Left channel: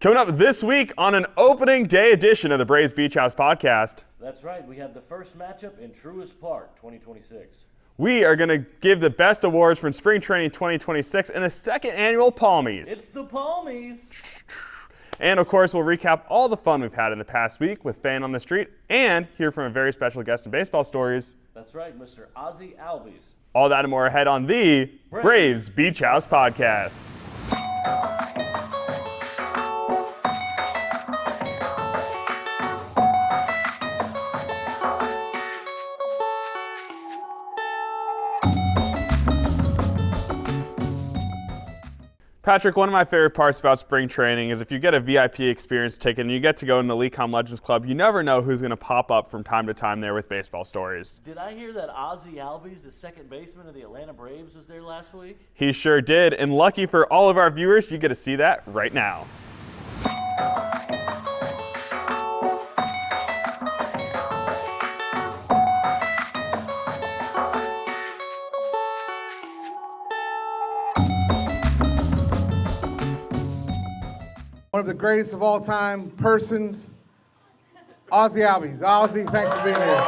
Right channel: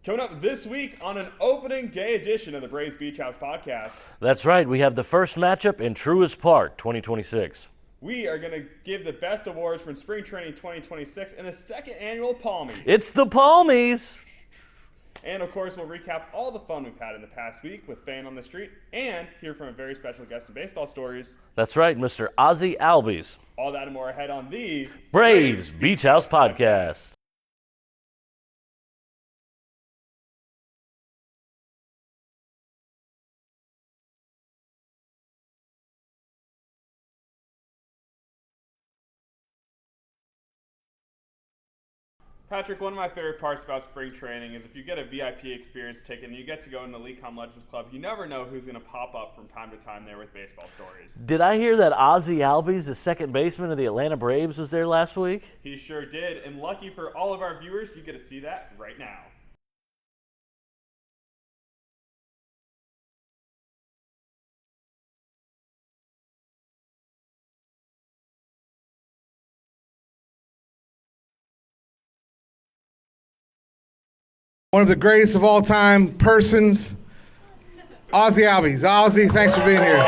Coming up this week on an opening day edition of the Braves Beach House podcast. That's right. We have the first matchup in Truist Park 2026. We are going to give the best awards from Spring Training 2026 and the second annual Palmies. It's the Palmies. And of course, we'll recap all the fun we've had in the past week with Fan on the Street and hear from a very special guest in Baseball Stories. That's right, Mr. Ozzie Albies. All that and more ahead on the Braves Beach House Podcast. Patrick, one of my favorite parts about spring training is if you get a VIP experience ticket and you get to go in the LeCom Legends Club, you never know who's going to pop up from time to time there with Baseball Stories. Did I hear that Ozzie Albies, the second baseman of the Atlanta Braves, was there last week? He sure did, and lucky for all of our viewers, you get to see that right now. One of the greatest of all time persons, Ozzie Albies. Ozzie, thanks for being here.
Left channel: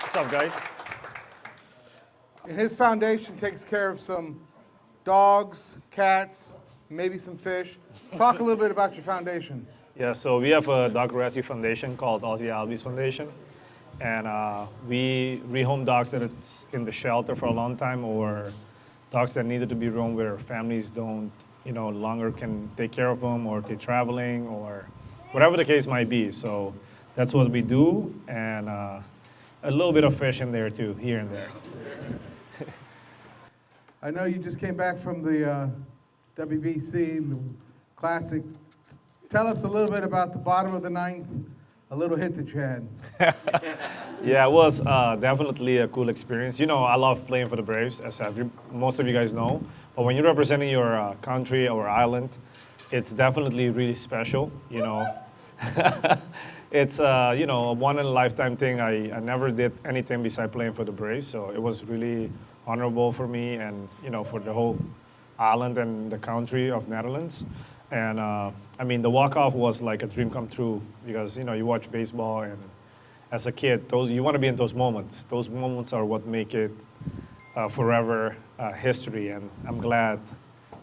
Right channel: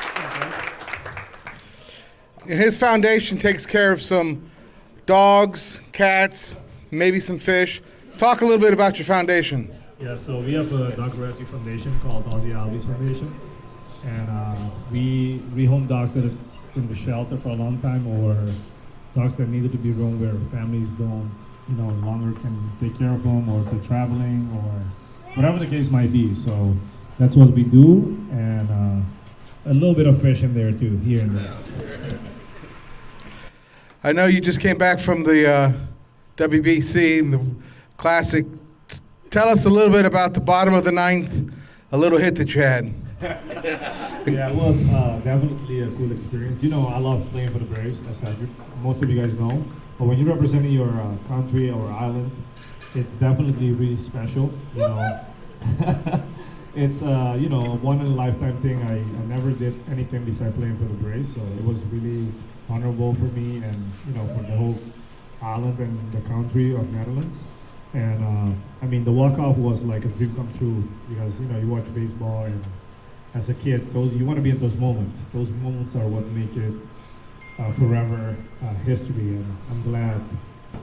What's up, guys? And his foundation takes care of some dogs, cats, maybe some fish. Talk a little bit about your foundation. Yeah, so we have a dog rescue foundation called Ozzie Albies Foundation. And we rehome dogs that's in the shelter for a long time, or dogs that needed to be roamed where families don't longer can take care of them, or if they're traveling, or whatever the case might be. So that's what we do, and a little bit of fish in there too, here and there. I know you just came back from the WBC, the Classic. Tell us a little bit about the bottom of the ninth, a little hit that you had. Yeah, it was definitely a cool experience. I love playing for the Braves, as most of you guys know. But when you're representing your country or island, it's definitely really special. It's a one-in-a-lifetime thing. I never did anything besides playing for the Braves, so it was really honorable for me and for the whole island and the country of Netherlands. And the walk-off was like a dream come true because you watch baseball, and as a kid, you want to be in those moments. Those moments are what make it forever history, and I'm glad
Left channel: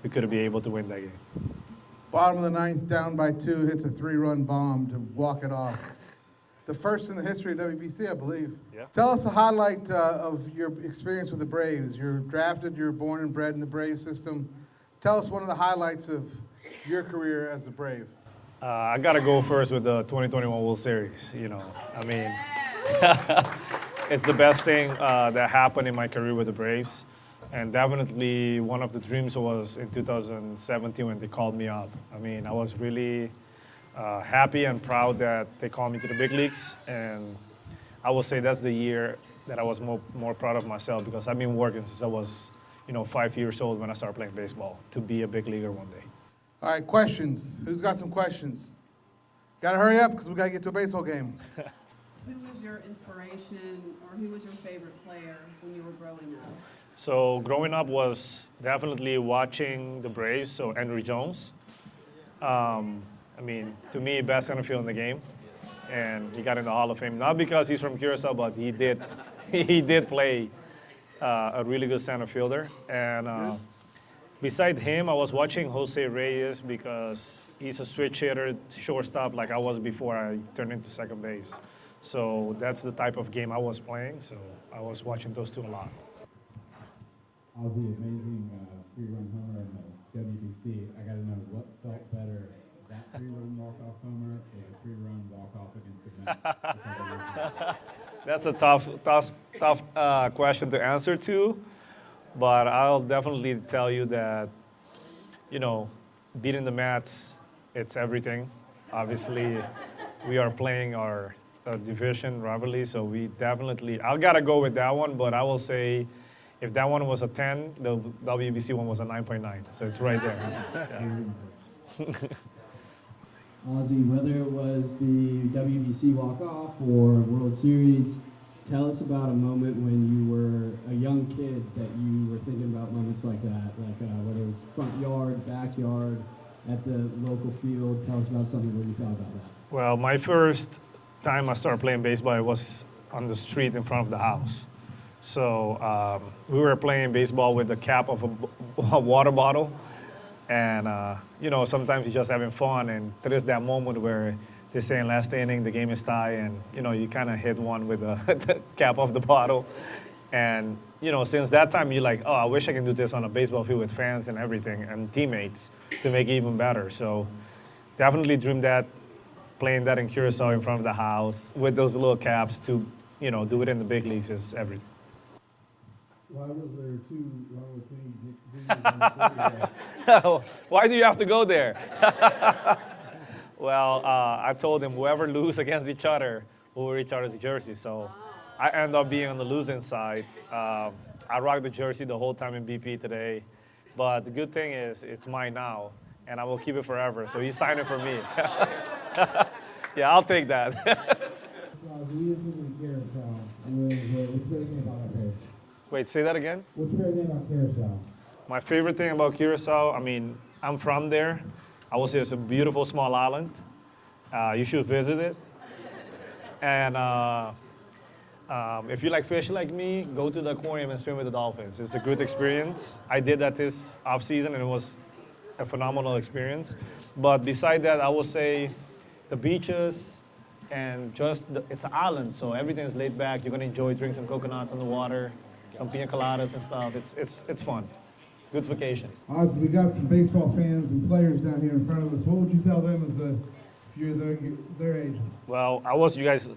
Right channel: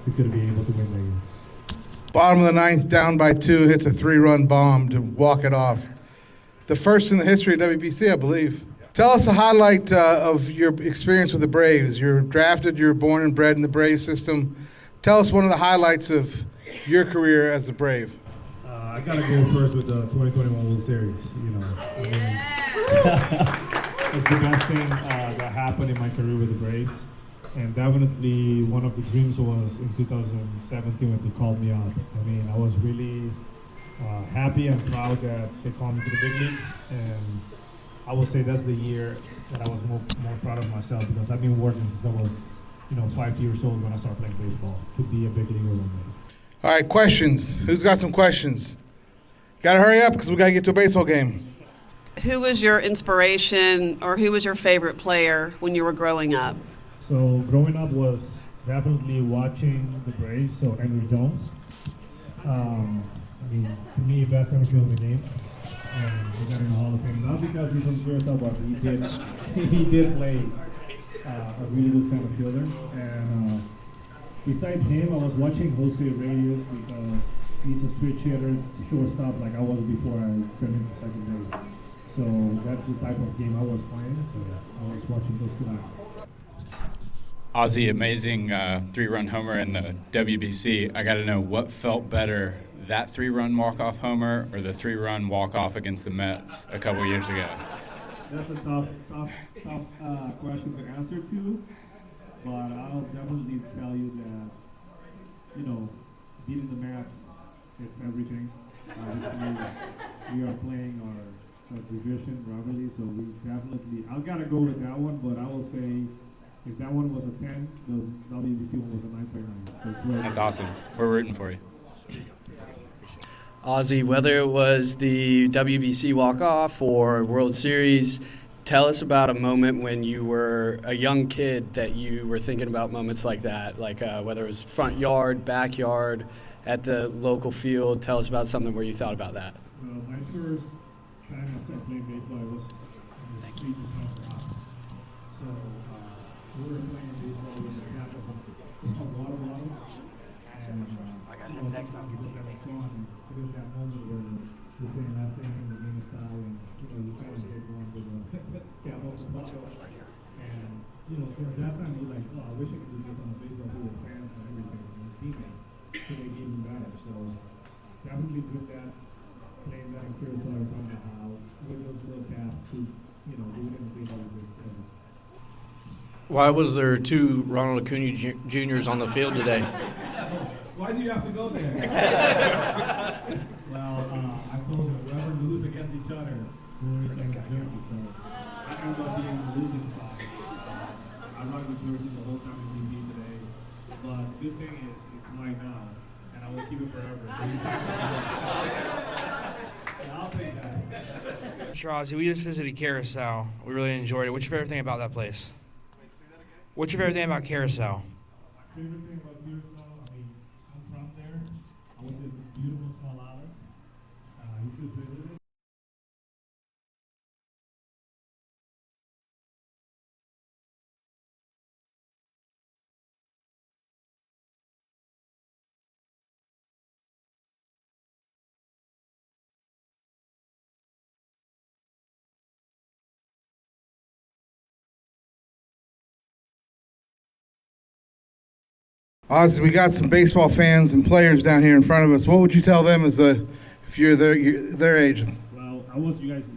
we could be able to win that game. Bottom of the ninth, down by 2, hits a 3-run bomb to walk it off. The first in the history of WBC, I believe. Yeah. Tell us a highlight of your experience with the Braves. You're drafted, you're born and bred in the Braves system. Tell us one of the highlights of your career as a Brave. I got to go first with the 2021 World Series. It's the best thing that happened in my career with the Braves. And definitely one of the dreams was in 2017 when they called me up. I was really happy and proud that they called me to the big leagues. And I will say that's the year that I was more proud of myself, because I've been working since I was 5 years old when I started playing baseball to be a big leaguer one day. All right, questions. Who's got some questions? Got to hurry up because we got to get to a baseball game. Who was your inspiration, or who was your favorite player when you were growing up? So growing up was definitely watching the Braves, so Andrew Jones. To me, best center field in the game. And he got in the Hall of Fame, not because he's from Curacao, but he did play a really good center fielder. And beside him, I was watching Jose Reyes because he's a switch hitter, shortstop, like I was before I turned into second base. So that's the type of game I was playing, so I was watching those two a lot. Ozzie, amazing 3-run homer in the WBC. I got to know, what felt better, that 3-run walk-off homer or the 3-run walk-off against the Mets a couple years ago? That's a tough question to answer to, but I'll definitely tell you that, beating the Mets, it's everything. Obviously, we are playing our division rivalry, so I've got to go with that one, but I will say if that one was a 10, the WBC one was a 9.9, so it's right there. That's awesome. We're rooting for you. Ozzie, whether it was the WBC walk-off or World Series, tell us about a moment when you were a young kid that you were thinking about moments like that, like whether it was front yard, backyard, at the local field. Tell us about something where you thought about that. Well, my first time I started playing baseball, it was on the street in front of the house. So we were playing baseball with the cap of a water bottle. And, sometimes you're just having fun. And there is that moment where they're saying last inning, the game is tied, and, you kind of hit one with the cap of the bottle. And, since that time, you're like, oh, I wish I could do this on a baseball field with fans and everything and teammates to make it even better. So definitely dreamed that, playing that in Curacao in front of the house with those little caps to, do it in the big leagues is everything. Why was there 2 Ronald Acuna Juniors on the field today? Why do you have to go there? Well, I told him whoever lose against each other will wear each other's jersey. So I end up being on the losing side. I rocked the jersey the whole time in BP today. But the good thing is it's mine now, and I will keep it forever. So he signed it for me. Yeah, I'll take that. Sure, Ozzie, we just visited Curacao. We really enjoyed it. What's your favorite thing about that place? Wait, say that again? What's your favorite thing about Curacao? My favorite thing about Curacao, I'm from there. I will say it's a beautiful small island. You should visit it. And if you like fish like me, go to the aquarium and swim with the dolphins. It's a good experience. I did that this off season and it was a phenomenal experience. But beside that, I will say the beaches and it's an island, so everything is laid back. You're gonna enjoy drinking some coconuts on the water, some pina coladas and stuff. It's fun. Good vacation. Ozzie, we got some baseball fans and players down here in front of us. What would you tell them if you're their age? Well, I was you guys'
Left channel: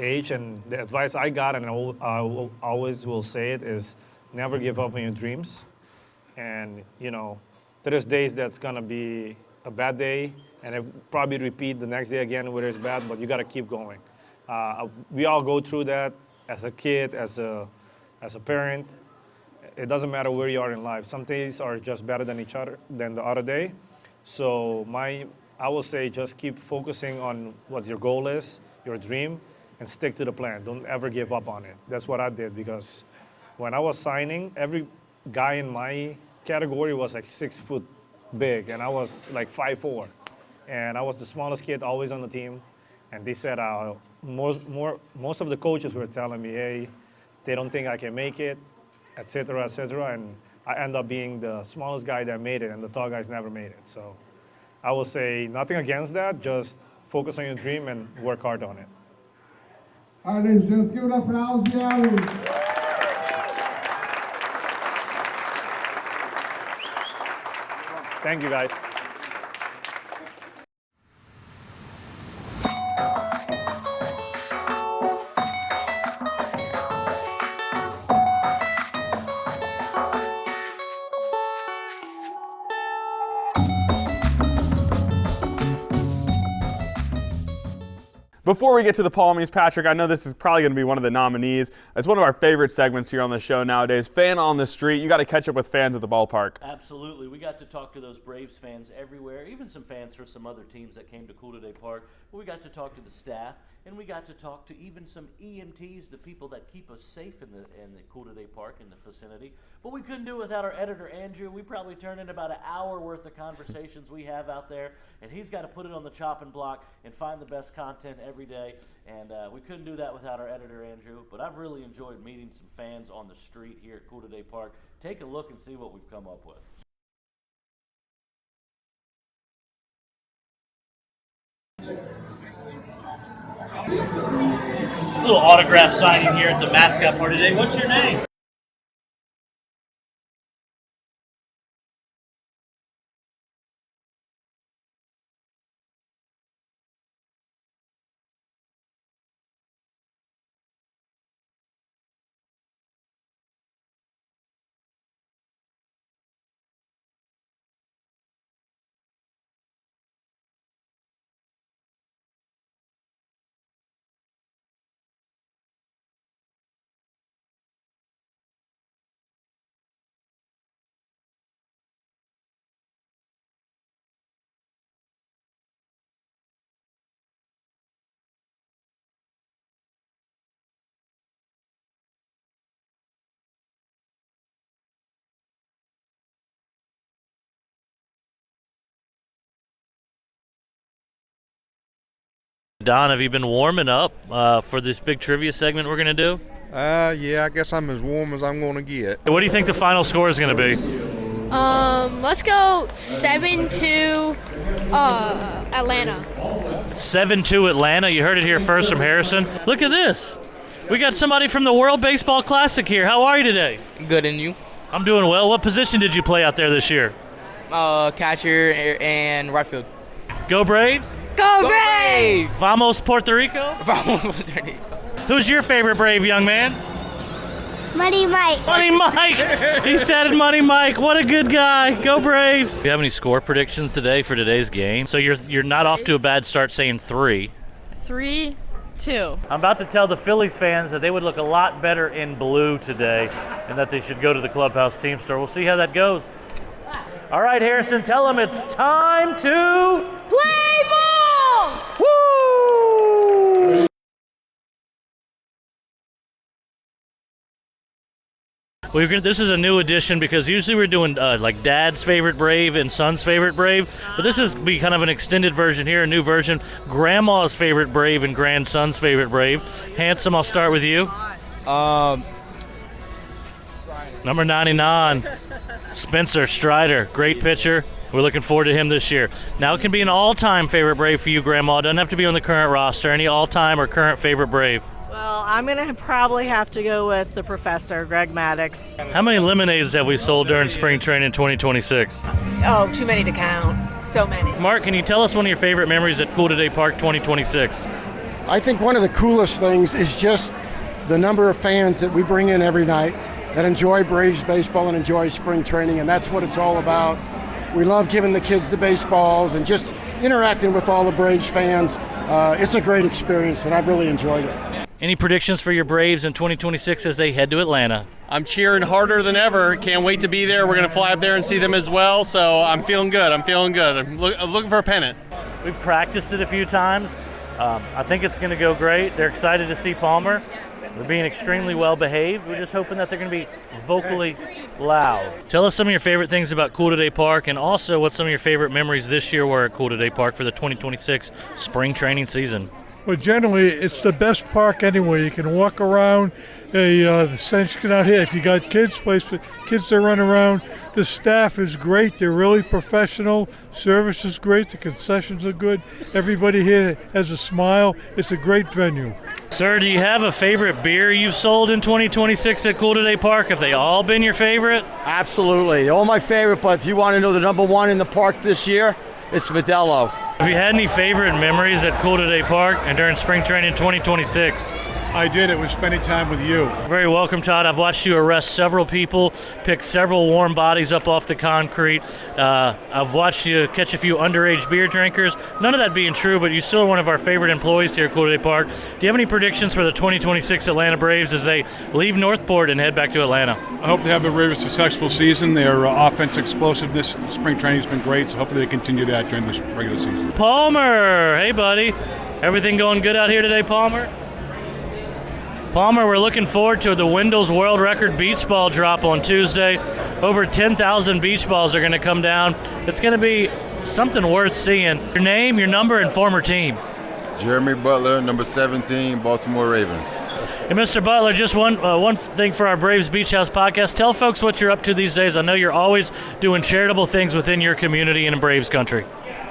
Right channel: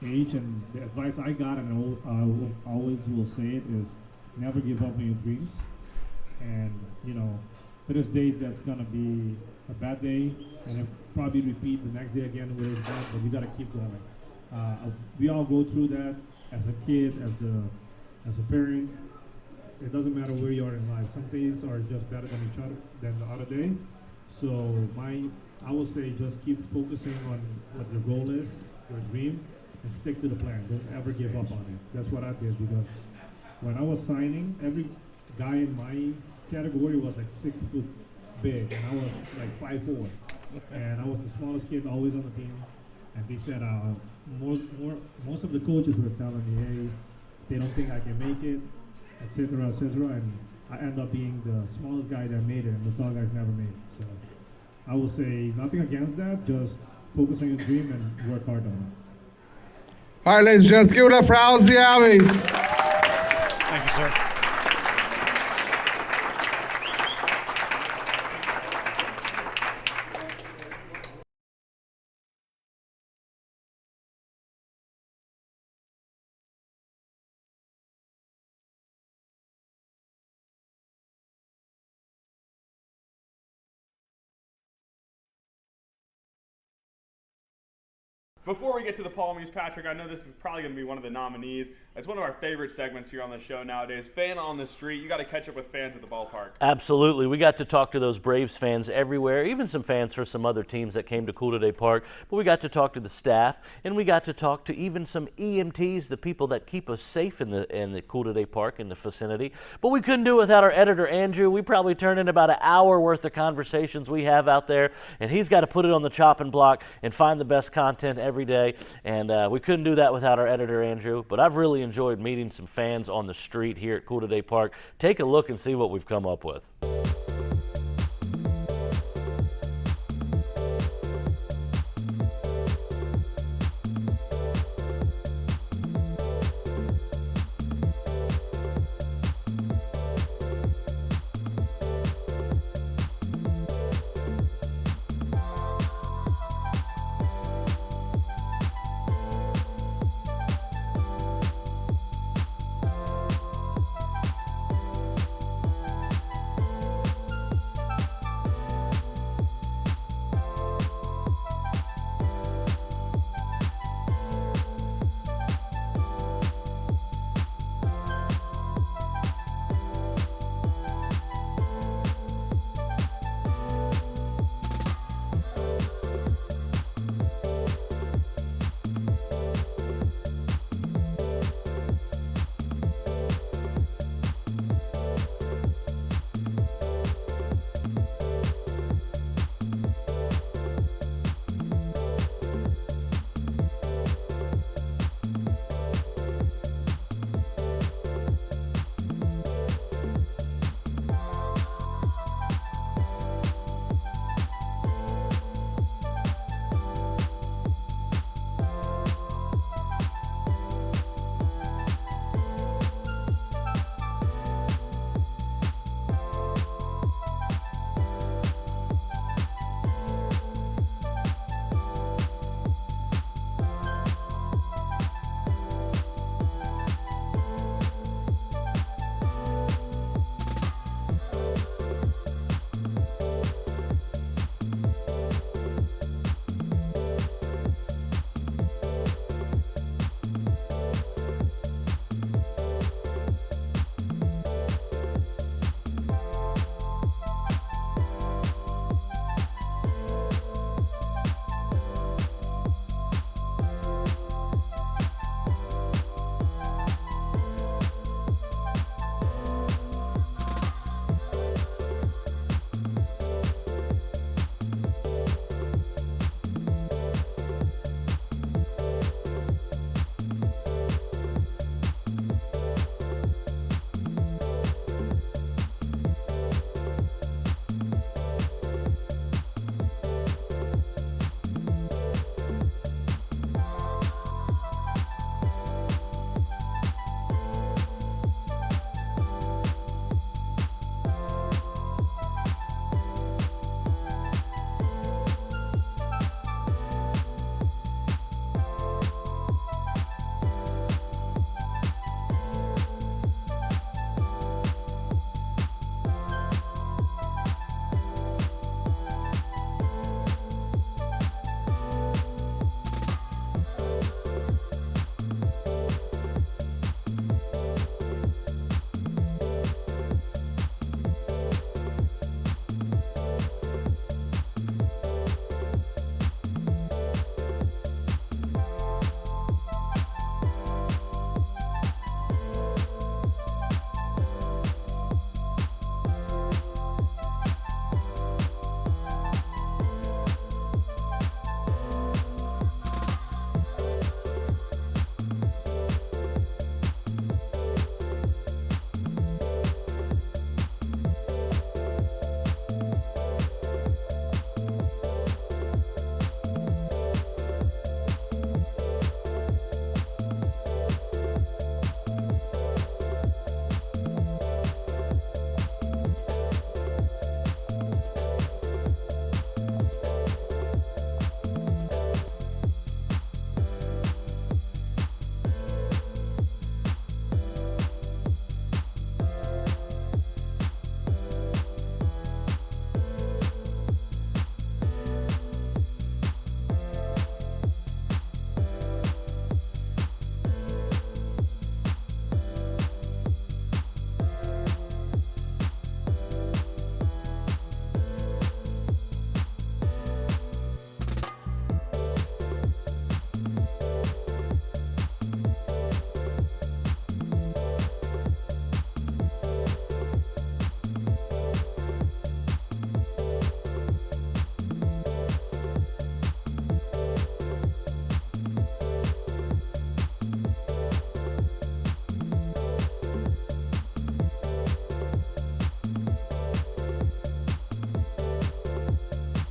age, and the advice I got, and I will always will say it, is never give up on your dreams. And there is days that's gonna be a bad day, and it probably repeat the next day again where it's bad, but you gotta keep going. We all go through that as a kid, as a parent. It doesn't matter where you are in life. Some days are just better than the other day. So I will say just keep focusing on what your goal is, your dream, and stick to the plan. Don't ever give up on it. That's what I did, because when I was signing, every guy in my category was like 6 foot big, and I was like 5'4", and I was the smallest kid always on the team. And they said most of the coaches were telling me, hey, they don't think I can make it, et cetera, and I end up being the smallest guy that made it, and the tall guys never made it. So I will say nothing against that, just focus on your dream and work hard on it. All right, ladies and gentlemen, give it up for Ozzie Albies. Thank you, sir. Thank you, guys. Before we get to the Palmies, Patrick, I know this is probably going to be one of the nominees. It's one of our favorite segments here on the show nowadays. Fan on the Street. You got to catch up with fans at the ballpark. Absolutely. We got to talk to those Braves fans everywhere, even some fans for some other teams that came to Cool Today Park. But we got to talk to the staff, and we got to talk to even some EMTs, the people that keep us safe in the Cool Today Park, in the vicinity. But we couldn't do it without our editor, Andrew. We probably turned in about an hour worth of conversations we have out there, and he's got to put it on the chopping block and find the best content every day, and we couldn't do that without our editor, Andrew. But I've really enjoyed meeting some fans on the street here at Cool Today Park. Take a look and see what we've come up with. A little autograph signing here at the mascot party today. What's your name? Don, have you been warming up for this big trivia segment we're going to do? Yeah, I guess I'm as warm as I'm going to get. What do you think the final score is going to be? Let's go 7-2 Atlanta. 7-2 Atlanta. You heard it here first from Harrison. Look at this. We got somebody from the World Baseball Classic here. How are you today? Good, and you? I'm doing well. What position did you play out there this year? Catcher and right field. Go Braves! Go Braves! Vamos Puerto Rico? Vamos Puerto Rico. Who's your favorite Brave, young man? Money Mike. Money Mike! He said it, Money Mike. What a good guy. Go Braves! Do you have any score predictions today for today's game? So you're not off to a bad start saying 3. 3-2. I'm about to tell the Phillies fans that they would look a lot better in blue today and that they should go to the clubhouse team store. We'll see how that goes. All right, Harrison, tell them it's time to Play ball! Woo! This is a new edition because usually we're doing like Dad's favorite Brave and Son's favorite Brave, but this is be kind of an extended version here, a new version. Grandma's favorite Brave and Grandson's favorite Brave. Handsome, I'll start with you. Number 99, Spencer Strider, great pitcher. We're looking forward to him this year. Now it can be an all-time favorite Brave for you, Grandma. It doesn't have to be on the current roster. Any all-time or current favorite Brave? Well, I'm going to probably have to go with the professor, Greg Maddox. How many lemonades have we sold during spring training 2026? Oh, too many to count. So many. Mark, can you tell us one of your favorite memories at Cool Today Park 2026? I think one of the coolest things is just the number of fans that we bring in every night that enjoy Braves baseball and enjoy spring training, and that's what it's all about. We love giving the kids the baseballs and just interacting with all the Braves fans. It's a great experience, and I've really enjoyed it. Any predictions for your Braves in 2026 as they head to Atlanta? I'm cheering harder than ever. Can't wait to be there. We're going to fly up there and see them as well, so I'm feeling good. I'm looking for a pennant. We've practiced it a few times. I think it's going to go great. They're excited to see Palmer. They're being extremely well behaved. We're just hoping that they're going to be vocally loud. Tell us some of your favorite things about Cool Today Park, and also what some of your favorite memories this year were at Cool Today Park for the 2026 spring training season. Well, generally, it's the best park anyway. You can walk around. The sun's get out here. If you got kids, place for kids to run around. The staff is great. They're really professional. Service is great. The concessions are good. Everybody here has a smile. It's a great venue. Sir, do you have a favorite beer you've sold in 2026 at Cool Today Park? Have they all been your favorite? Absolutely. All my favorite, but if you want to know the number one in the park this year, it's Modelo. Have you had any favorite memories at Cool Today Park and during spring training 2026? I did. It was spending time with you. Very welcome, Todd. I've watched you arrest several people, pick several warm bodies up off the concrete. I've watched you catch a few underage beer drinkers. None of that being true, but you're still one of our favorite employees here at Cool Today Park. Do you have any predictions for the 2026 Atlanta Braves as they leave Northport and head back to Atlanta? I hope they have a very successful season. Their offense explosiveness, spring training has been great, so hopefully they continue that during this regular season. Palmer, hey buddy. Everything going good out here today, Palmer? Palmer, we're looking forward to the Wendell's World Record beach ball drop on Tuesday. Over 10,000 beach balls are going to come down. It's going to be something worth seeing. Your name, your number, and former team. Jeremy Butler, number 17, Baltimore Ravens. Hey, Mr. Butler, just one thing for our Braves Beach House podcast. Tell folks what you're up to these days. I know you're always doing charitable things within your community and in Braves country.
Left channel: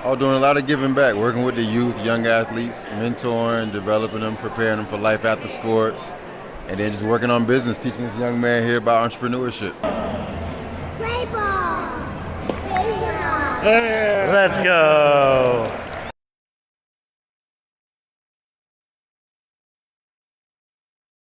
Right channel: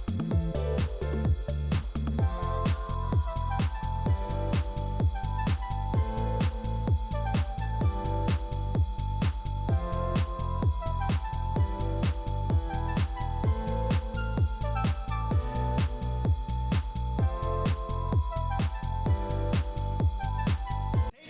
I'm doing a lot of giving back, working with the youth, young athletes, mentoring, developing them, preparing them for life after sports, and then just working on business, teaching this young man here about entrepreneurship. Play ball! Play ball! Let's go!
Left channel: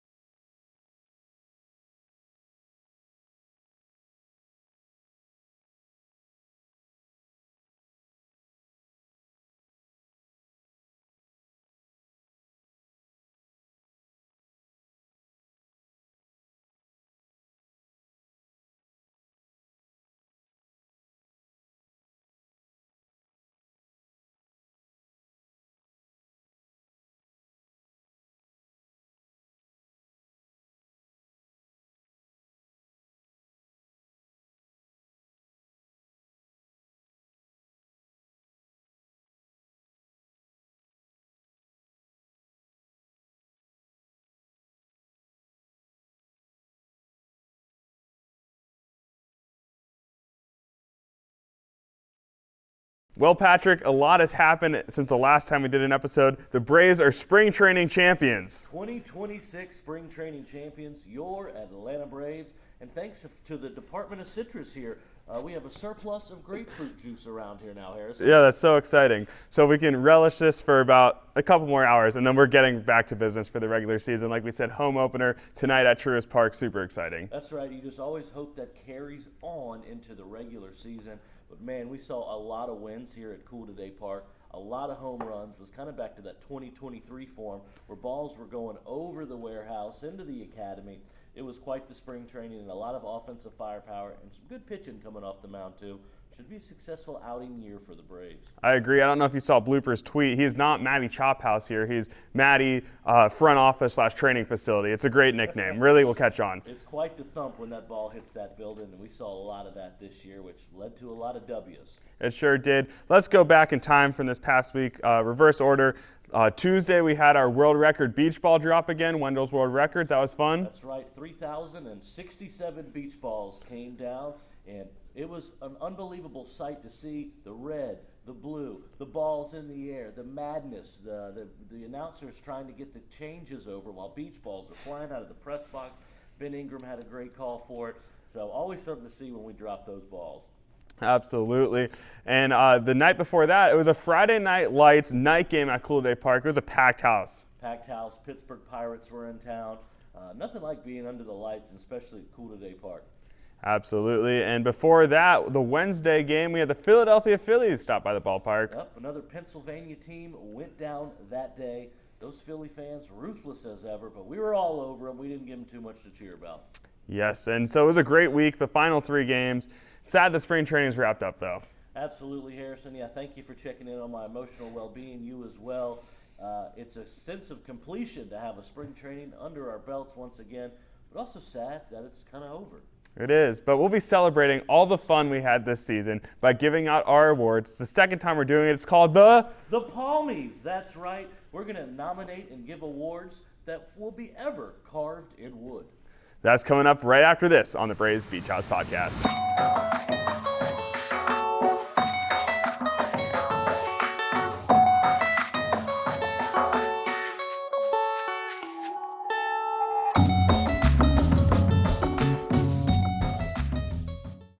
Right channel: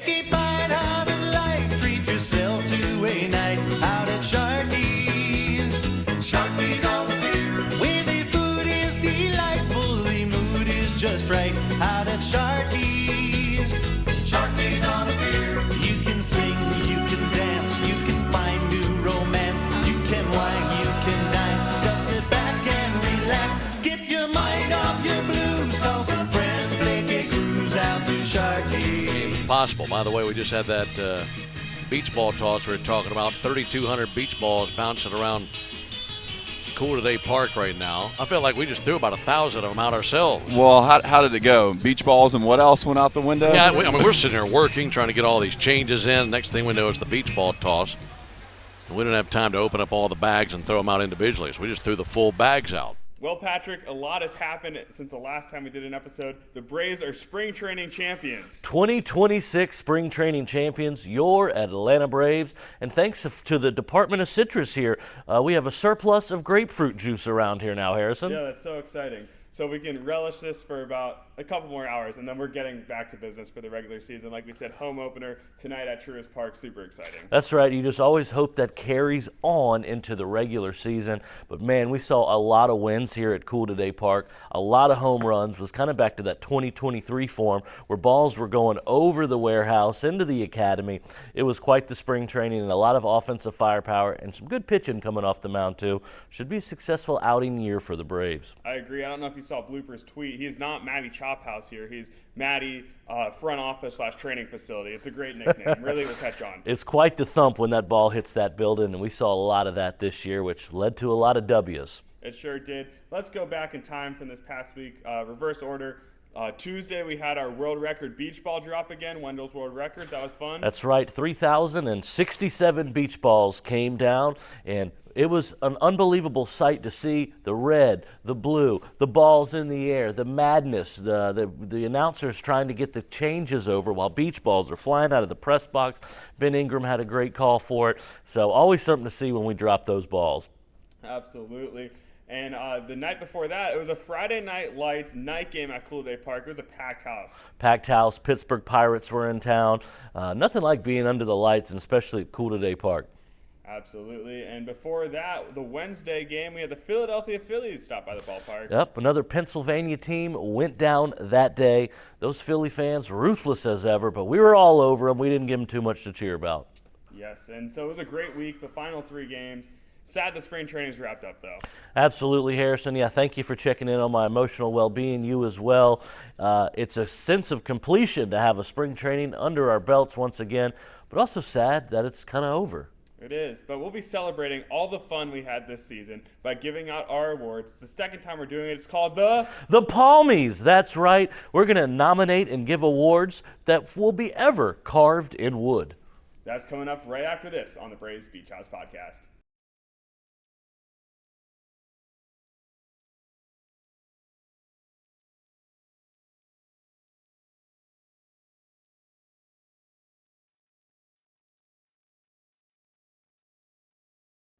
Take a bite out of life, treat yourself to a night out at Sharky's. Sharky's on the pier, where the food is delightful, the mood is just right. Out at Sharky's. Sharky's on the pier. You can sing, you can dance, you can find new romance. You can wine, you can dine. Just sit back and relax. Get your mind off your blues. Call some friends, take a cruise out to Sharky's. Possible. By the way, we just had that beach ball toss we were talking about. 3,200 beach balls bouncing around Cool Today Park right now. I feel like we just threw about 1,000 of them out ourselves. Well, how did it go? Beach balls and what else went out the window? Yeah, I mean, we're sitting there working, trying to get all these changes in. Next thing we know, it's the beach ball toss. And we didn't have time to open up all the bags and throw them out individually, so we just threw the full bags out. Well, Patrick, a lot has happened since the last time we did an episode. The Braves are spring training champions. 2026 spring training champions, your Atlanta Braves. And thanks to the Department of Citrus here, we have a surplus of grapefruit juice around here now, Harrison. Yeah, that's so exciting. So we can relish this for about a couple more hours, and then we're getting back to business for the regular season. Like we said, home opener tonight at Truist Park, super exciting. That's right. You just always hope that carries on into the regular season. But, man, we saw a lot of wins here at Cool Today Park. A lot of home runs. Was kind of back to that 2023 form where balls were going over the warehouse into the academy. It was quite the spring training and a lot of offensive firepower and some good pitching coming off the mound, too. Should be a successful outing year for the Braves. I agree. I don't know if you saw Blooper's tweet. He's not Matty Chop House here. He's Matty front office / training facility. It's a great nickname. Really will catch on. It's quite the thump when that ball hits that building, and we saw a lot of that this year, which led to a lot of W's. It sure did. Let's go back in time from this past week. Reverse order. Tuesday, we had our world record beach ball drop again, Wendell's World Records. That was fun. That's right. 3,067 beach balls came down, and it was an unbelievable sight to see the red, the blue, the balls in the air, the madness, the announcers trying to get the changes over while beach balls are flying out of the press box. Ben Ingram had a great call for it. So always something to see when we drop those balls. Absolutely. And the night before that, it was a Friday Night Lights night game at Cool Day Park. It was a packed house. Packed house. Pittsburgh Pirates were in town. Nothing like being under the lights, and especially at Cool Today Park. Absolutely. And before that, the Wednesday game, we had the Philadelphia Phillies stop by the ballpark. Yep, another Pennsylvania team went down that day. Those Philly fans, ruthless as ever, but we were all over them. We didn't give them too much to cheer about. Yes, and so it was a great week, the final 3 games. Sad that spring training's wrapped up, though. Absolutely, Harrison. Yeah, thank you for checking in on my emotional well-being. You as well. It's a sense of completion to have a spring training under our belts once again, but also sad that it's kind of over. It is, but we'll be celebrating all the fun we had this season by giving out our awards. It's the second time we're doing it. It's called the Palmies. That's right. We're going to nominate and give awards that will be ever carved in wood. That's coming up right after this on the Braves Beach House Podcast.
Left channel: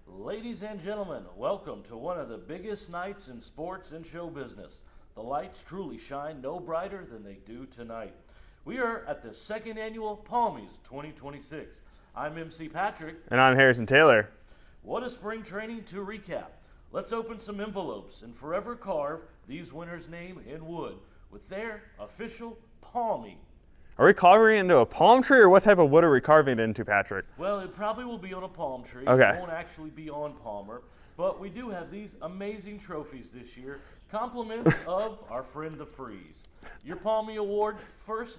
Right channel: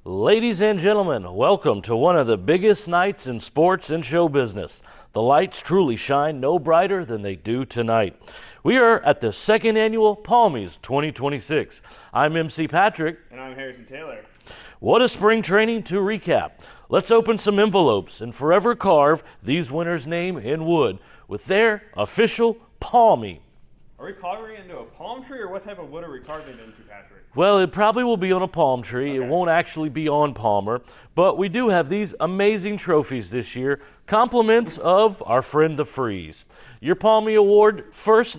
Ladies and gentlemen, welcome to one of the biggest nights in sports and show business. The lights truly shine no brighter than they do tonight. We are at the second annual Palmies 2026. I'm MC Patrick. And I'm Harrison Taylor. What a spring training to recap. Let's open some envelopes and forever carve these winners' name in wood with their official Palmie. Are we carving it into a palm tree, or what type of wood are we carving it into, Patrick? Well, it probably will be on a palm tree. Okay. It won't actually be on Palmer. But we do have these amazing trophies this year, compliments of our friend the Freeze. Your Palmie Award first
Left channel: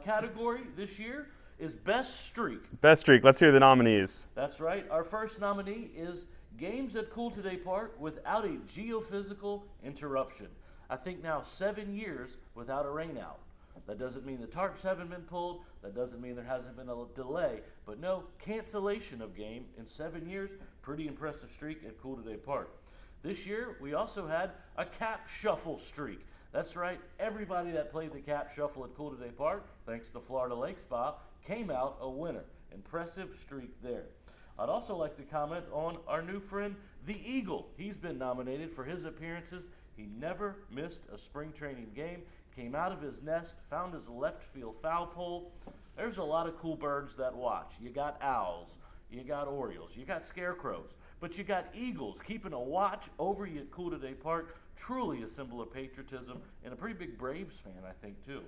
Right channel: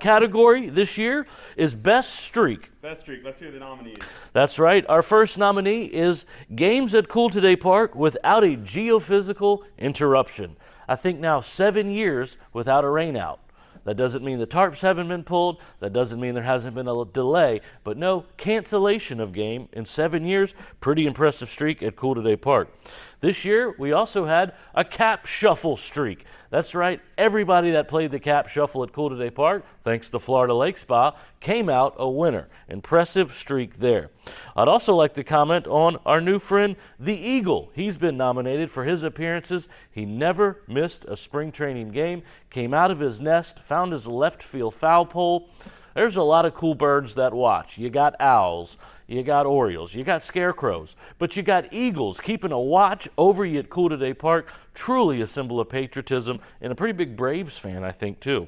category this year is Best Streak. Best Streak. Let's hear the nominees. That's right. Our first nominee is Games at Cool Today Park without a geophysical interruption. I think now 7 years without a rainout. That doesn't mean the tarps haven't been pulled. That doesn't mean there hasn't been a delay. But no cancellation of game in 7 years. Pretty impressive streak at Cool Today Park. This year, we also had a cap shuffle streak. That's right. Everybody that played the cap shuffle at Cool Today Park, thanks to Florida Lake Spa, came out a winner. Impressive streak there. I'd also like to comment on our new friend, the Eagle. He's been nominated for his appearances. He never missed a spring training game, came out of his nest, found his left field foul pole. There's a lot of cool birds that watch. You got owls, you got orioles, you got scarecrows, but you got eagles keeping a watch over you at Cool Today Park. Truly a symbol of patriotism and a pretty big Braves fan, I think, too.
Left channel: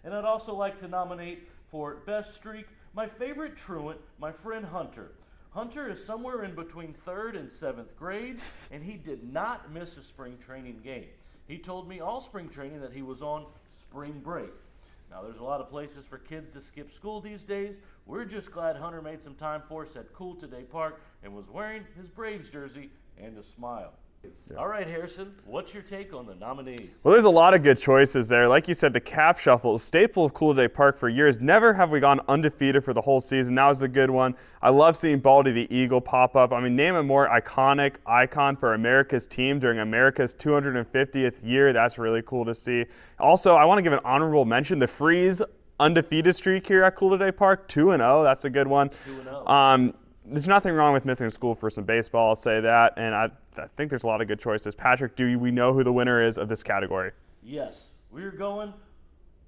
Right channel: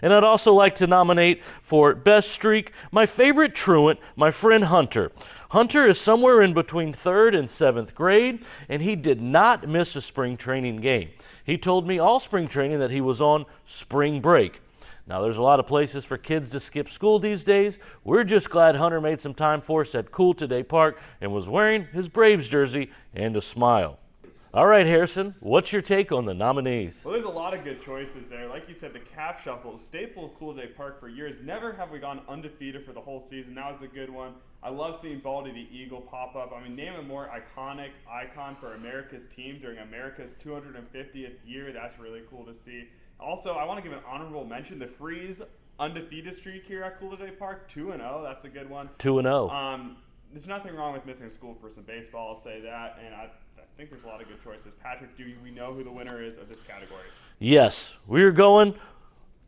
And I'd also like to nominate for Best Streak my favorite truant, my friend Hunter. Hunter is somewhere in between 3rd and 7th grade, and he did not miss a spring training game. He told me all spring training that he was on spring break. Now, there's a lot of places for kids to skip school these days. We're just glad Hunter made some time for us at Cool Today Park and was wearing his Braves jersey and a smile. All right, Harrison, what's your take on the nominees? Well, there's a lot of good choices there. Like you said, the cap shuffle, a staple of Cool Day Park for years. Never have we gone undefeated for the whole season. That was a good one. I love seeing Baldy the Eagle pop up. I mean, name a more iconic icon for America's team during America's 250th year. That's really cool to see. Also, I want to give an honorable mention. The Freeze undefeated streak here at Cool Day Park, 2-0. That's a good one. 2-0. There's nothing wrong with missing school for some baseball, I'll say that, and I think there's a lot of good choices. Patrick, do we know who the winner is of this category? Yes, we're going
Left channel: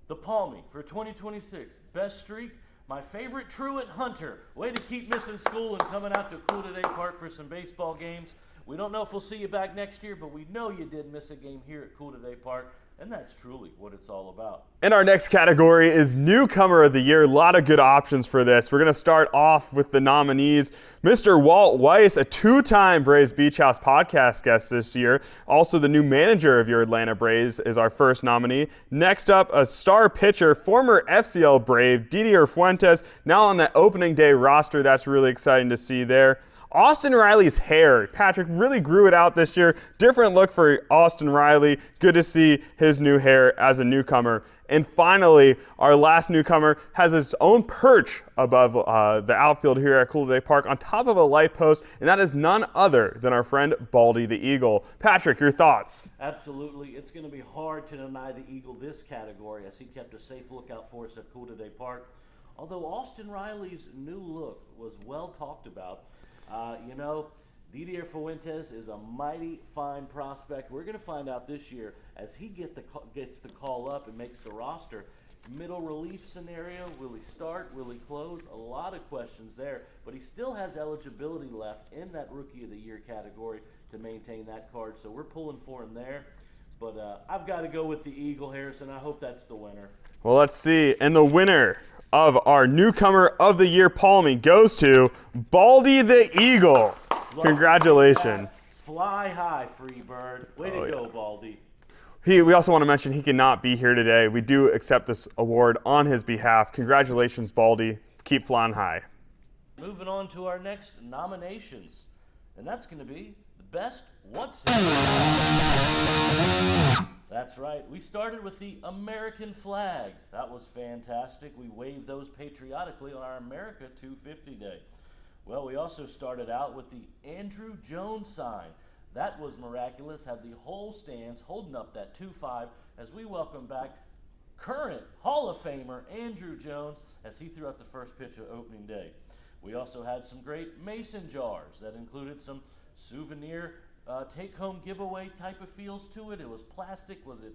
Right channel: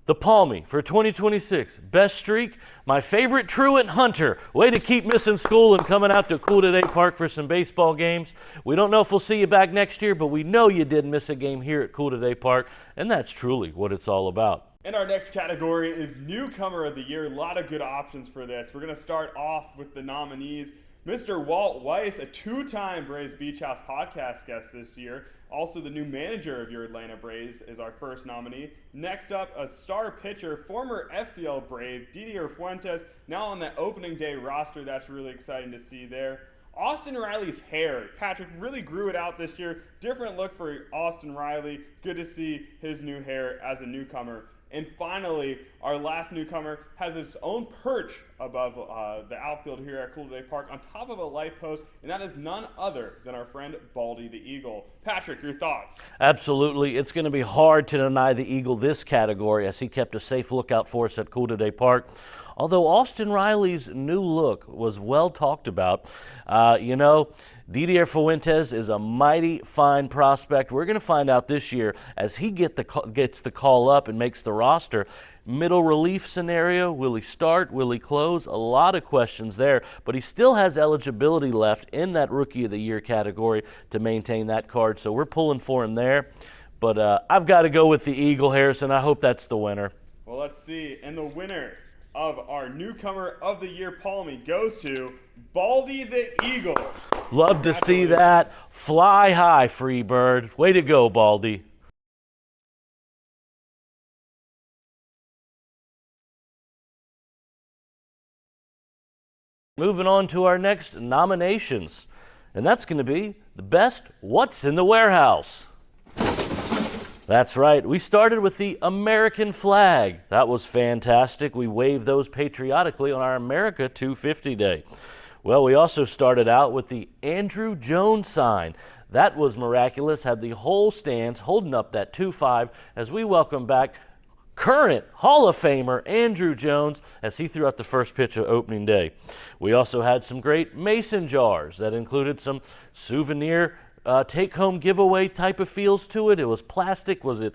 the Palmie for 2026. Best streak, my favorite truant Hunter. Way to keep missing school and coming out to Cool Today Park for some baseball games. We don't know if we'll see you back next year, but we know you didn't miss a game here at Cool Today Park, and that's truly what it's all about. And our next category is Newcomer of the Year. A lot of good options for this. We're going to start off with the nominees. Mr. Walt Weiss, a two-time Braves Beach House podcast guest this year. Also, the new manager of your Atlanta Braves is our first nominee. Next up, a star pitcher, former FCL Brave, Didier Fuentes, now on the opening day roster. That's really exciting to see there. Austin Riley's hair. Patrick really grew it out this year. Different look for Austin Riley. Good to see his new hair as a newcomer. And finally, our last newcomer has his own perch above the outfield here at Cool Day Park on top of a light post, and that is none other than our friend Baldy the Eagle. Patrick, your thoughts? Absolutely. It's going to be hard to deny the Eagle this category as he kept a safe lookout for us at Cool Today Park. Although Austin Riley's new look was well talked about, Didier Fuentes is a mighty fine prospect. We're going to find out this year as he gets the call up and makes the roster. Middle relief scenario, will he start, will he close? A lot of questions there, but he still has eligibility left in that Rookie of the Year category to maintain that card, so we're pulling for him there. But I've got to go with the Eagle, Harrison. I hope that's the winner. Well, let's see. And the winner of our Newcomer of the Year Palmie goes to Baldy the Eagle. Love to see that. Fly high, free bird. Way to go, Baldy. We also want to mention he cannot be here today. We do accept this award on his behalf. Congratulations, Baldy. Keep flying high. Moving on to our next nominations, and that's going to be the best What's in the Warehouse. That's right. We started with the American flag. That was fantastic. We waved those patriotically on our America 250 Day. Well, we also started out with the Andrew Jones sign. That was miraculous, had the whole stands holding up that 2-5 as we welcome back current Hall of Famer Andrew Jones as he threw out the first pitch of opening day. We also had some great mason jars that included some souvenir take-home giveaway type of feels to it. It was plastic. Was it,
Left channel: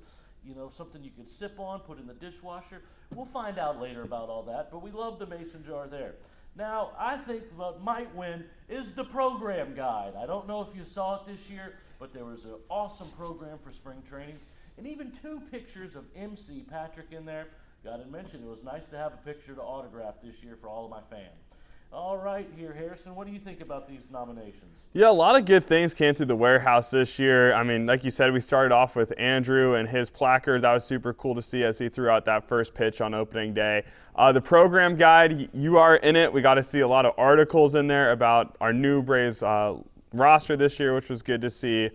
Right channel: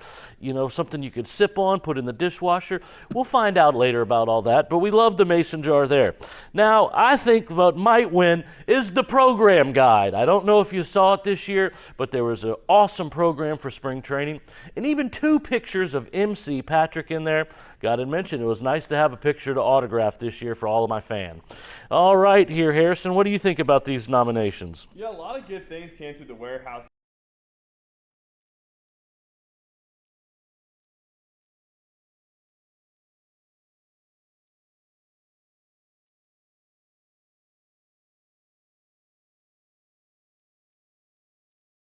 something you could sip on, put in the dishwasher? We'll find out later about all that, but we love the mason jar there. Now, I think what might win is the program guide. I don't know if you saw it this year, but there was an awesome program for spring training, and even 2 pictures of MC Patrick in there. Got to mention, it was nice to have a picture to autograph this year for all of my fans. All right, here, Harrison, what do you think about these nominations? Yeah, a lot of good things came through the warehouse this year. I mean, like you said, we started off with Andrew and his placard. That was super cool to see as he threw out that first pitch on opening day. The program guide, you are in it. We got to see a lot of articles in there about our new Braves roster this year, which was good to see.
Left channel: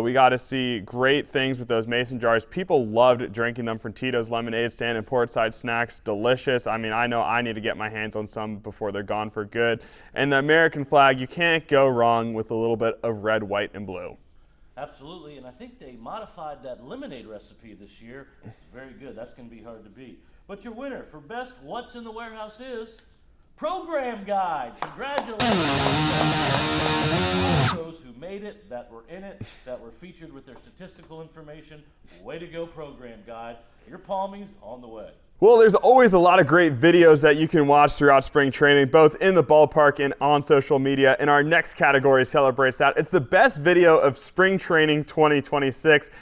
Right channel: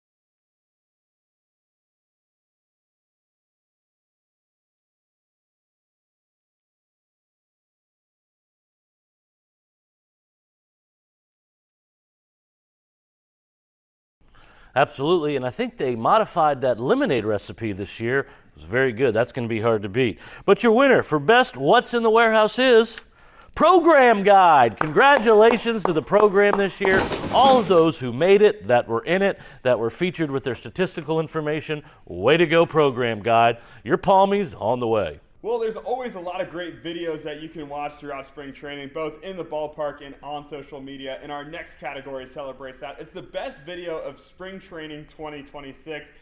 We got to see great things with those mason jars. People loved drinking them from Tito's Lemonade Stand and Portside Snacks. Delicious. I mean, I know I need to get my hands on some before they're gone for good. And the American flag, you can't go wrong with a little bit of red, white, and blue. Absolutely, and I think they modified that lemonade recipe this year. It was very good. That's going to be hard to beat. But your winner for best What's in the Warehouse is Program Guide. Congratulations to the program this year. All of those who made it, that were in it, that were featured with their statistical information. Way to go, Program Guide. Your Palmies on the way. Well, there's always a lot of great videos that you can watch throughout spring training, both in the ballpark and on social media. And our next category celebrates that. It's the best video of spring training 2026.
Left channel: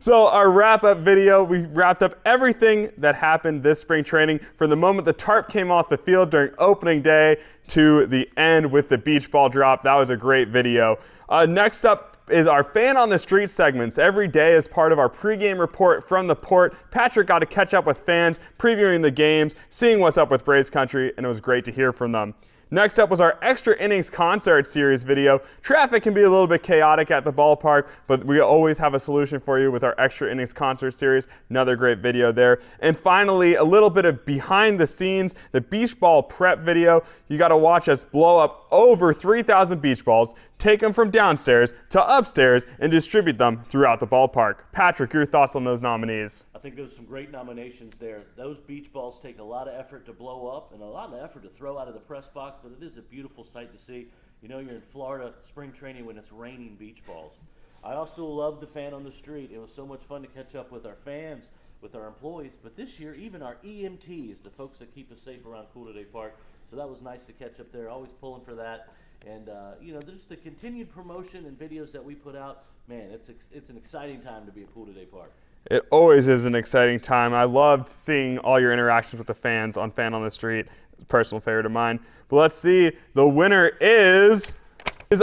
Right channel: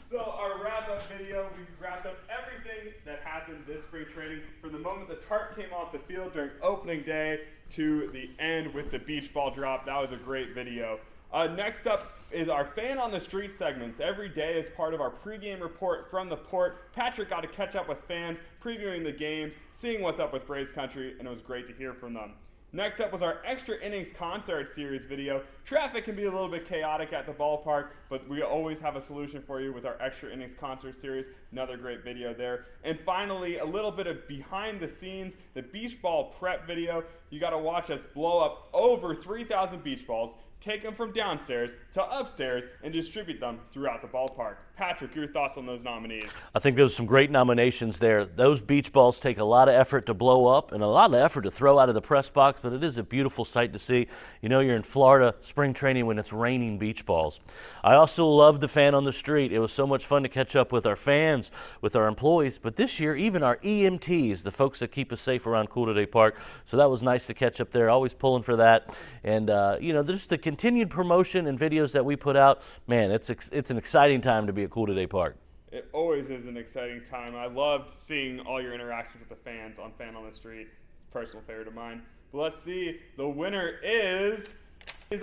So our wrap-up video, we wrapped up everything that happened this spring training from the moment the tarp came off the field during opening day to the end with the beach ball drop. That was a great video. Next up is our Fan on the Street segments. Every day as part of our pregame report from the port, Patrick got to catch up with fans, previewing the games, seeing what's up with Braves country, and it was great to hear from them. Next up was our Extra Innings Concert Series video. Traffic can be a little bit chaotic at the ballpark, but we always have a solution for you with our Extra Innings Concert Series. Another great video there. And finally, a little bit of behind the scenes, the beach ball prep video. You got to watch us blow up over 3,000 beach balls, take them from downstairs to upstairs, and distribute them throughout the ballpark. Patrick, your thoughts on those nominees? I think there's some great nominations there. Those beach balls take a lot of effort to blow up and a lot of effort to throw out of the press box, but it is a beautiful sight to see. You know you're in Florida spring training when it's raining beach balls. I also love the Fan on the Street. It was so much fun to catch up with our fans, with our employees, but this year even our EMTs, the folks that keep us safe around Cool Today Park. So that was nice to catch up there. Always pulling for that. And you know, there's the continued promotion and videos that we put out. Man, it's an exciting time to be at Cool Today Park. It always is an exciting time. I loved seeing all your interactions with the fans on Fan on the Street. Personal favorite of mine. But let's see, the winner is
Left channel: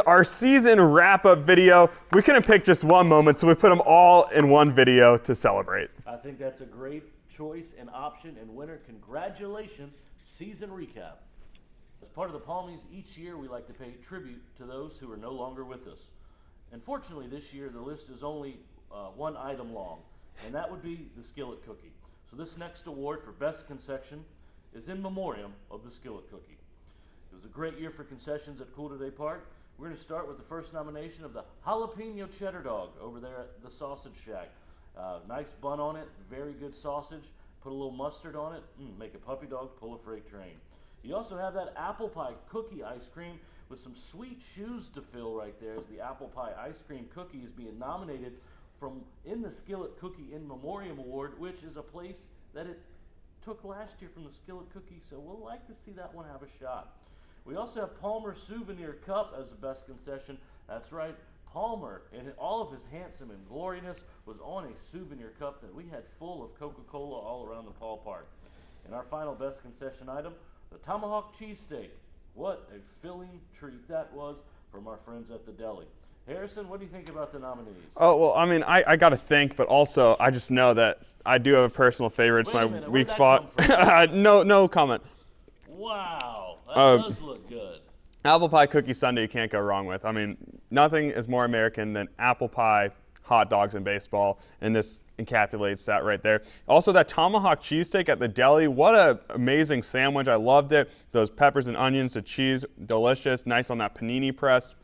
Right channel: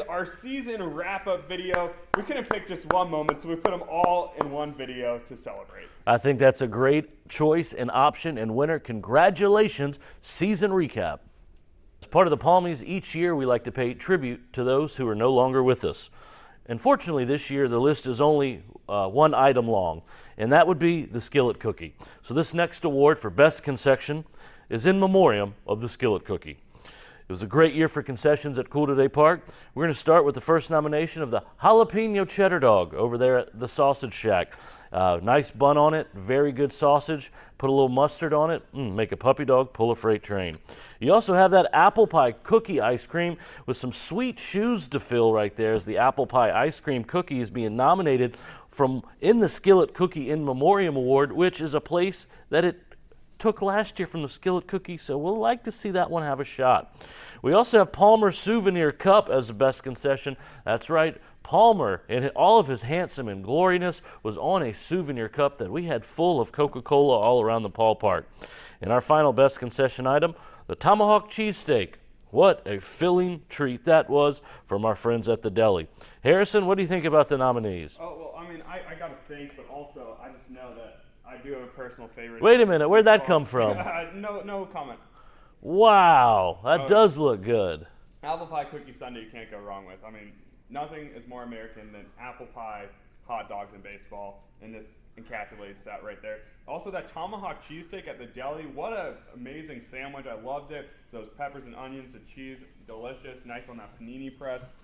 our season wrap-up video. We couldn't pick just one moment, so we put them all in one video to celebrate. I think that's a great choice and option, and winner, congratulations, season recap. As part of the Palmies, each year we like to pay tribute to those who are no longer with us. Unfortunately, this year the list is only one item long, and that would be the Skillet Cookie. So this next award for Best Concession is in memoriam of the Skillet Cookie. It was a great year for concessions at Cool Today Park. We're going to start with the first nomination of the Jalapeno Cheddar Dog over there at the Sausage Shack. Nice bun on it, very good sausage. Put a little mustard on it, make a puppy dog pull a freight train. You also have that apple pie cookie ice cream with some sweet shoes to fill right there, as the apple pie ice cream cookie is being nominated in the Skillet Cookie in Memoriam Award, which is a place that it took last year from the Skillet Cookie, so we'll like to see that one have a shot. We also have Palmer Souvenir Cup as the best concession. That's right, Palmer, in all of his handsome and gloriness, was on a souvenir cup that we had full of Coca-Cola all around the ballpark. And our final best concession item, the Tomahawk Cheesesteak. What a filling treat that was from our friends at the deli. Harrison, what do you think about the nominees? Oh, well, I mean, I got to think, but also I just know that I do have a personal favorite. Wait a minute, where'd that come from? No comment. Wow, that does look good. Apple pie cookie sundae you can't go wrong with. I mean, nothing is more American than apple pie, hot dogs, and baseball, and this encapsulates that right there. Also, that tomahawk cheesesteak at the deli, what an amazing sandwich. I loved it. Those peppers and onions, the cheese, delicious, nice on that panini press.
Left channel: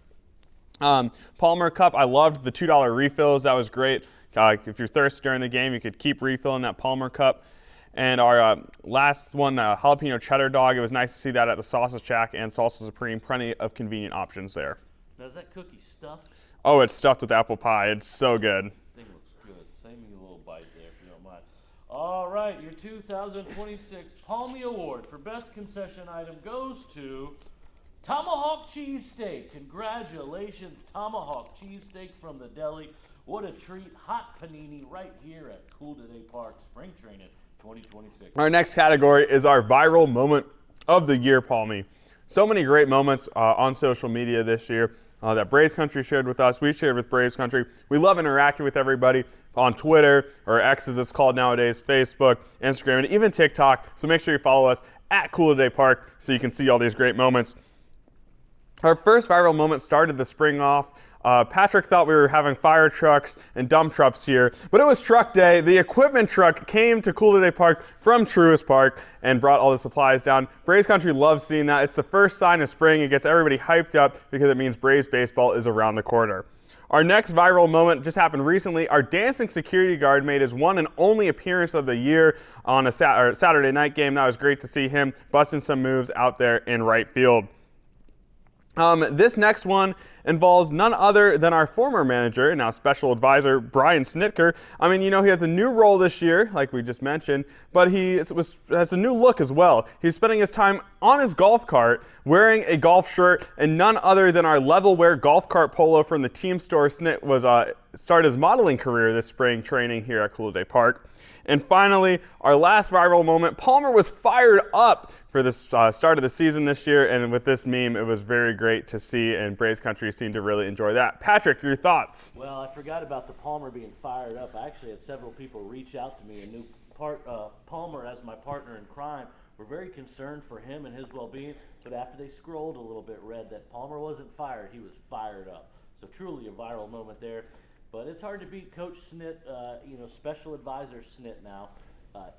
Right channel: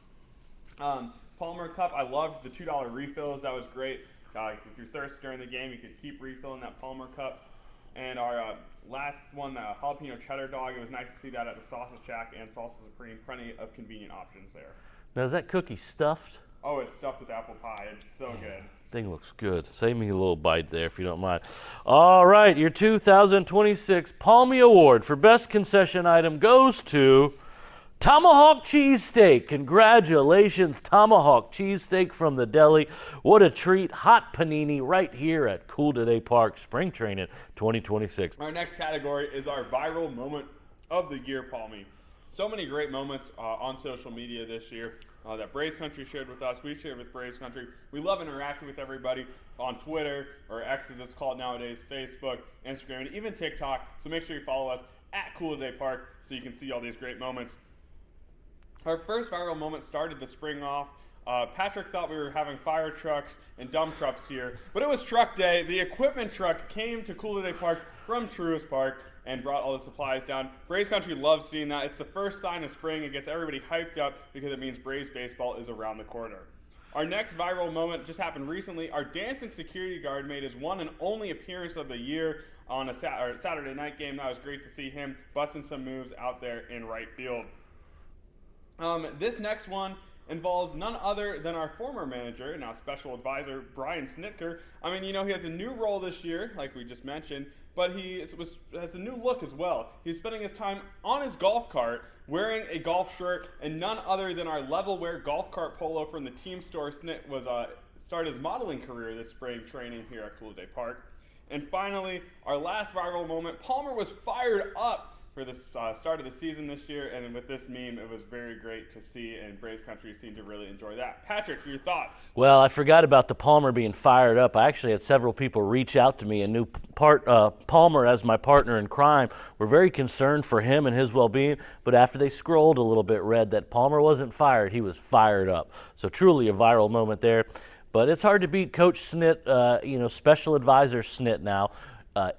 Palmer Cup, I loved the $2 refills. That was great. If you're thirsty during the game, you could keep refilling that Palmer Cup. And our last one, the jalapeno cheddar dog, it was nice to see that at the Sausage Shack and Salsa Supreme. Plenty of convenient options there. Now, is that cookie stuffed? Oh, it's stuffed with apple pie. It's so good. Thing looks good. Save me a little bite there if you don't mind. All right, your 2026 Palmie Award for Best Concession Item goes to Tomahawk Cheesesteak. Congratulations, Tomahawk Cheesesteak from the deli. What a treat. Hot panini right here at Cool Today Park Spring Training 2026. Our next category is our viral moment of the year, Palmie. So many great moments on social media this year that Braves Country shared with us. We shared with Braves Country. We love interacting with everybody on Twitter, or X as it's called nowadays, Facebook, Instagram, and even TikTok. So make sure you follow us at Cool Today Park so you can see all these great moments. Our first viral moment started the spring off. Patrick thought we were having fire trucks and dump trucks here, but it was truck day. The equipment truck came to Cool Today Park from Truist Park and brought all the supplies down. Braves Country loves seeing that. It's the first sign of spring. It gets everybody hyped up because it means Braves baseball is around the corner. Our next viral moment just happened recently. Our dancing security guard made his one and only appearance of the year on a Saturday night game. That was great to see him busting some moves out there in right field. This next one involves none other than our former manager and now special advisor, Brian Snitker. I mean, you know, he has a new role this year, like we just mentioned, but he has a new look as well. He's spending his time on his golf cart, wearing a golf shirt, and none other than our level wear golf cart polo from the team store. Snit was started his modeling career this spring training here at Cool Day Park. And finally, our last viral moment, Palmer was fired up for the start of the season this year, and with this meme, it was very great to see, and Braves Country seem to really enjoy that. Patrick, your thoughts? Well, I forgot about the Palmer being fired up. I actually had several people reach out to me and knew Palmer as my partner in crime. We're very concerned for him and his well-being, but after they scrolled a little bit, read that Palmer wasn't fired, he was fired up. So truly a viral moment there. But it's hard to beat Coach Snit, special advisor Snit now,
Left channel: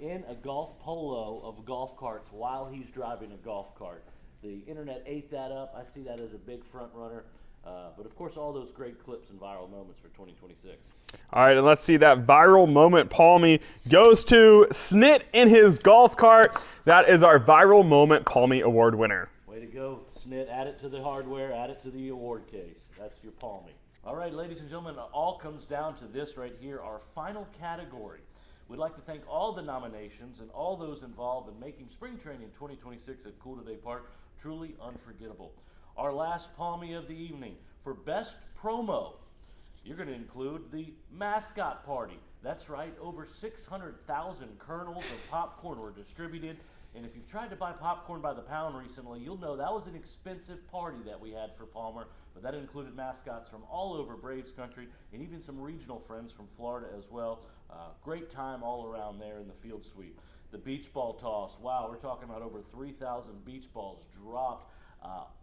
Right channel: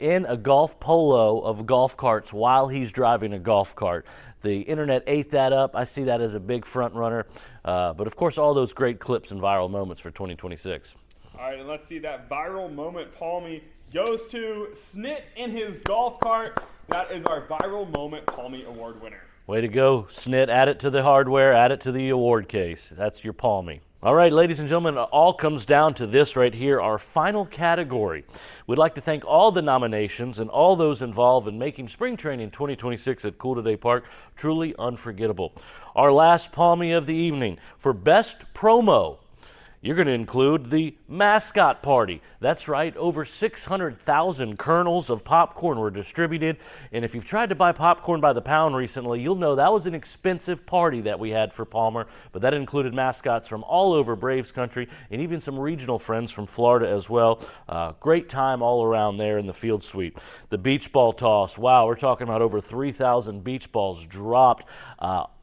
in a golf polo of golf carts while he's driving a golf cart. The internet ate that up. I see that as a big front runner. But of course, all those great clips and viral moments for 2026. All right, and let's see that viral moment. Palmie goes to Snit in his golf cart. That is our viral moment Palmie Award winner. Way to go, Snit. Add it to the hardware, add it to the award case. That's your Palmie. All right, ladies and gentlemen, it all comes down to this right here, our final category. We'd like to thank all the nominations and all those involved in making spring training 2026 at Cool Today Park truly unforgettable. Our last Palmie of the evening for Best Promo. You're going to include the mascot party. That's right, over 600,000 kernels of popcorn were distributed. And if you've tried to buy popcorn by the pound recently, you'll know that was an expensive party that we had for Palmer. But that included mascots from all over Braves country and even some regional friends from Florida as well. Great time all around there in the field suite. The beach ball toss, wow, we're talking about over 3,000 beach balls dropped.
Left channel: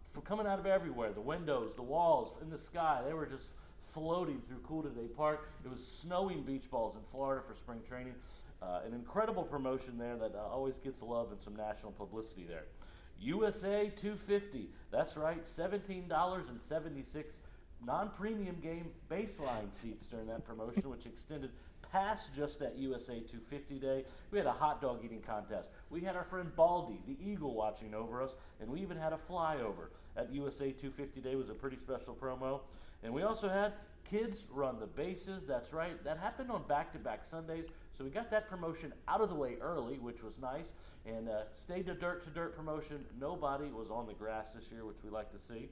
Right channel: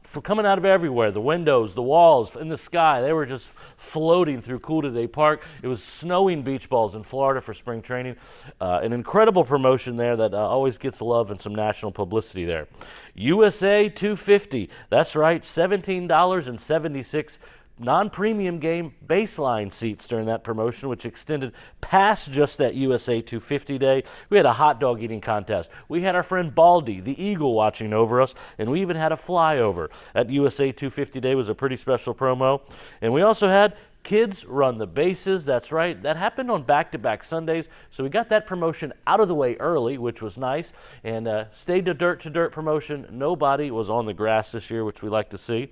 For coming out of everywhere, the windows, the walls, in the sky, they were just floating through Cool Today Park. It was snowing beach balls in Florida for spring training. An incredible promotion there that always gets love and some national publicity there. USA 250, that's right, $17.76 non-premium game baseline seats during that promotion, which extended past just that USA 250 day. We had a hot dog eating contest. We had our friend Baldy, the Eagle, watching over us, and we even had a flyover. At USA 250 day was a pretty special promo. And we also had Kids Run the Bases. That's right. That happened on back-to-back Sundays, so we got that promotion out of the way early, which was nice. And stayed to dirt promotion. Nobody was on the grass this year, which we like to see.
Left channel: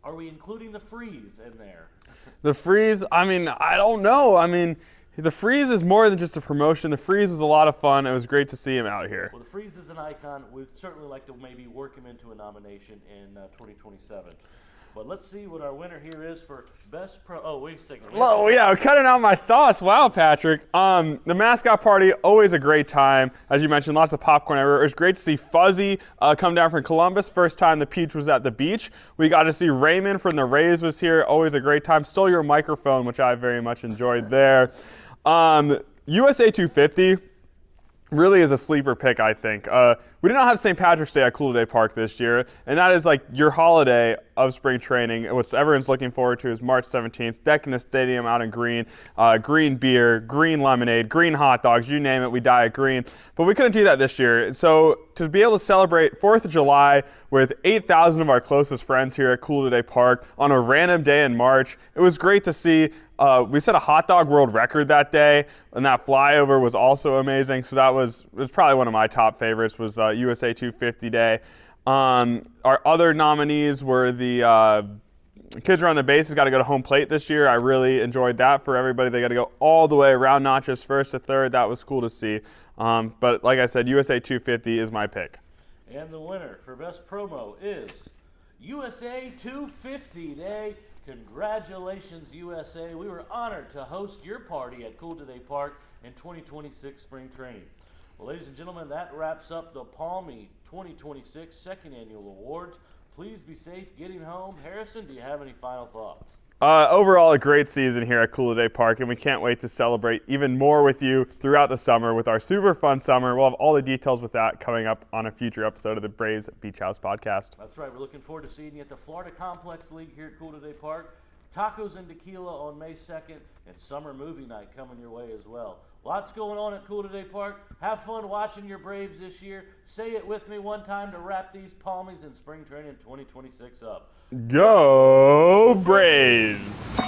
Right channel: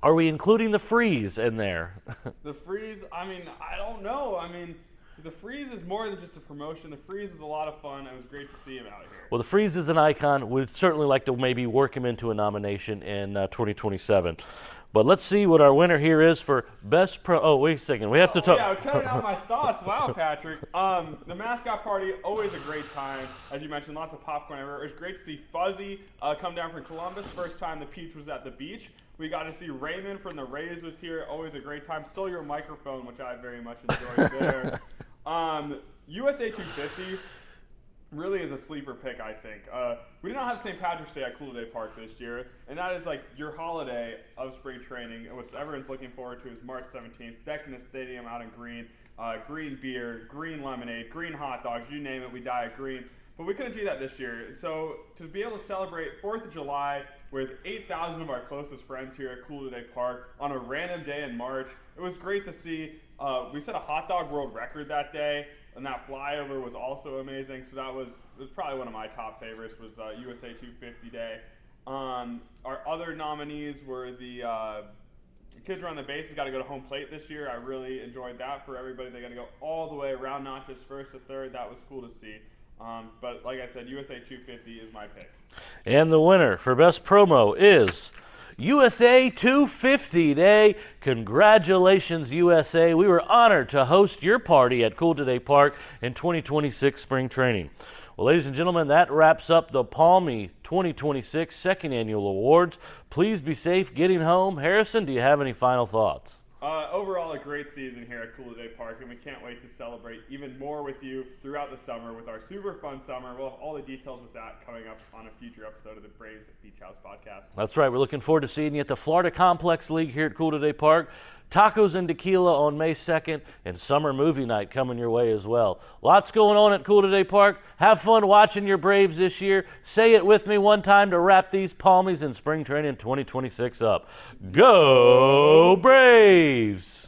Are we including the freeze in there? The freeze, I don't know. The freeze is more than just a promotion. The freeze was a lot of fun. It was great to see him out here. Well, the freeze is an icon. We'd certainly like to maybe work him into a nomination in 2027. But let's see what our winner here is for Best Pro. Oh, wait a second. We have to. Yeah, cutting out my thoughts. Wow, Patrick. The mascot party, always a great time. As you mentioned, lots of popcorn everywhere. It was great to see Fuzzy come down from Columbus. First time the Peach was at the beach. We got to see Raymond from the Rays was here. Always a great time. Stole your microphone, which I very much enjoyed there. USA 250 really is a sleeper pick, I think. We did not have St. Patrick's Day at Cool Today Park this year, and that is like your holiday of spring training. What everyone's looking forward to is March 17th, decking the stadium out in green, green beer, green lemonade, green hot dogs, you name it, we dye it green. But we couldn't do that this year. So to be able to celebrate 4th of July with 8,000 of our closest friends here at Cool Today Park on a random day in March, it was great to see. We set a hot dog world record that day, and that flyover was also amazing. So it was probably one of my top favorites was USA 250 Day. Our other nominees were the Kids Around the Bases got to go to home plate this year. I really enjoyed that for everybody. They got to go all the way around, not just first to third. That was cool to see. But like I said, USA 250 is my pick. And the winner for Best Promo is USA 250 Day. Congratulations, USA. We were honored to host your party at Cool Today Park in 2026 spring training. Well, ladies and gentlemen, that wraps up the Palmie 2026 Second Annual Awards. Please be safe getting home. Harrison, do you have any final thoughts? Overall, a great season here at Cool Today Park, and we can't wait to celebrate even more with you throughout the summer with our super fun summer. We'll have all the details with that coming up on a future episode of the Braves Beach House podcast. That's right. We're looking forward to seeing you at the Florida Complex League here at Cool Today Park. Tacos and tequila on May 2nd, and summer movie night coming your way as well. Lots going on at Cool Today Park. Have fun watching your Braves this year. Say it with me one time to wrap these Palmies in spring training 2026 up. Go Braves!